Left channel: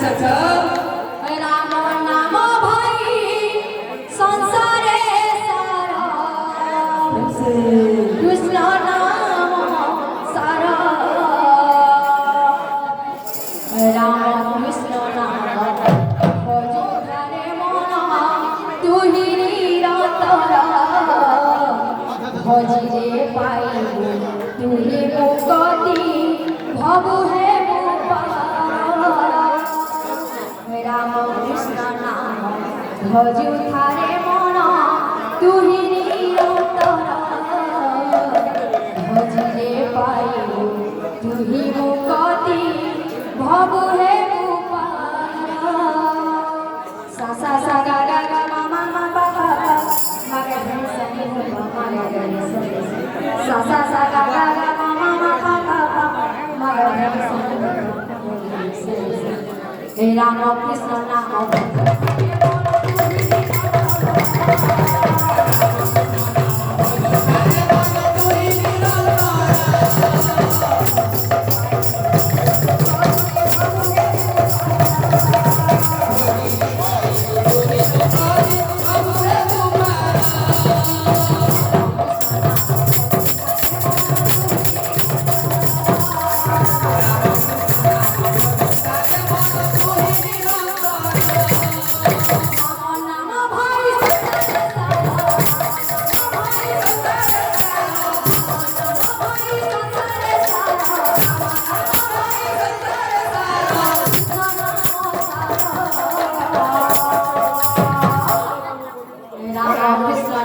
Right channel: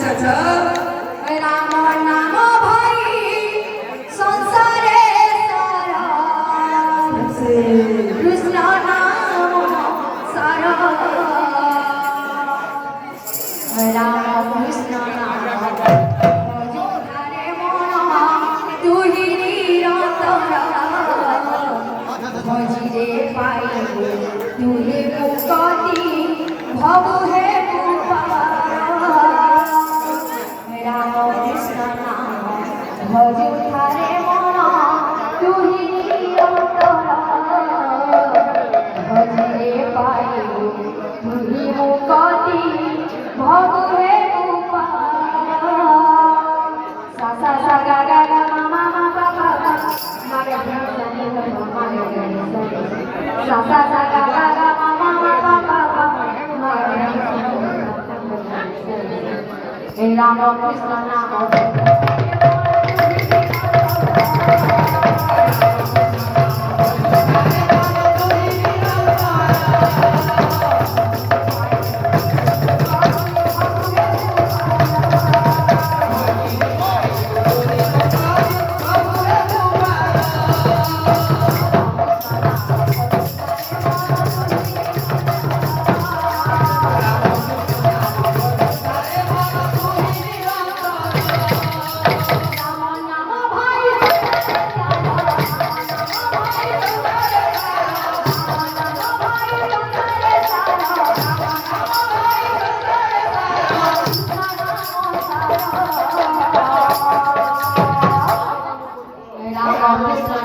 আচ্ছা আচ্ছা রাম নাম ভাই সংসারে সারা কৃষ্ণ নাম সারা রাম কৃষ্ণ নাম ভজধারে মন তুহি নিরন্তর ভজিলে পাইবে তুহি মুক্তি ভব হে রাম কৃষ্ণ নাম ভজধারে মন তুহি নিরন্তর ভজিলে পাইবে তুহি মুক্তি ভব হে সা সা সা গা গা গা মা মা মা পা পা পা মা গা রে সা নি ধ মা মা রে গা রে সা সা সা গা গা গা মা মা মা পা পা পা মা গা রে সা নি ধ হে রাম কৃষ্ণ নাম রাম কৃষ্ণ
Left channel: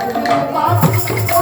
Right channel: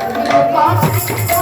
Thank you.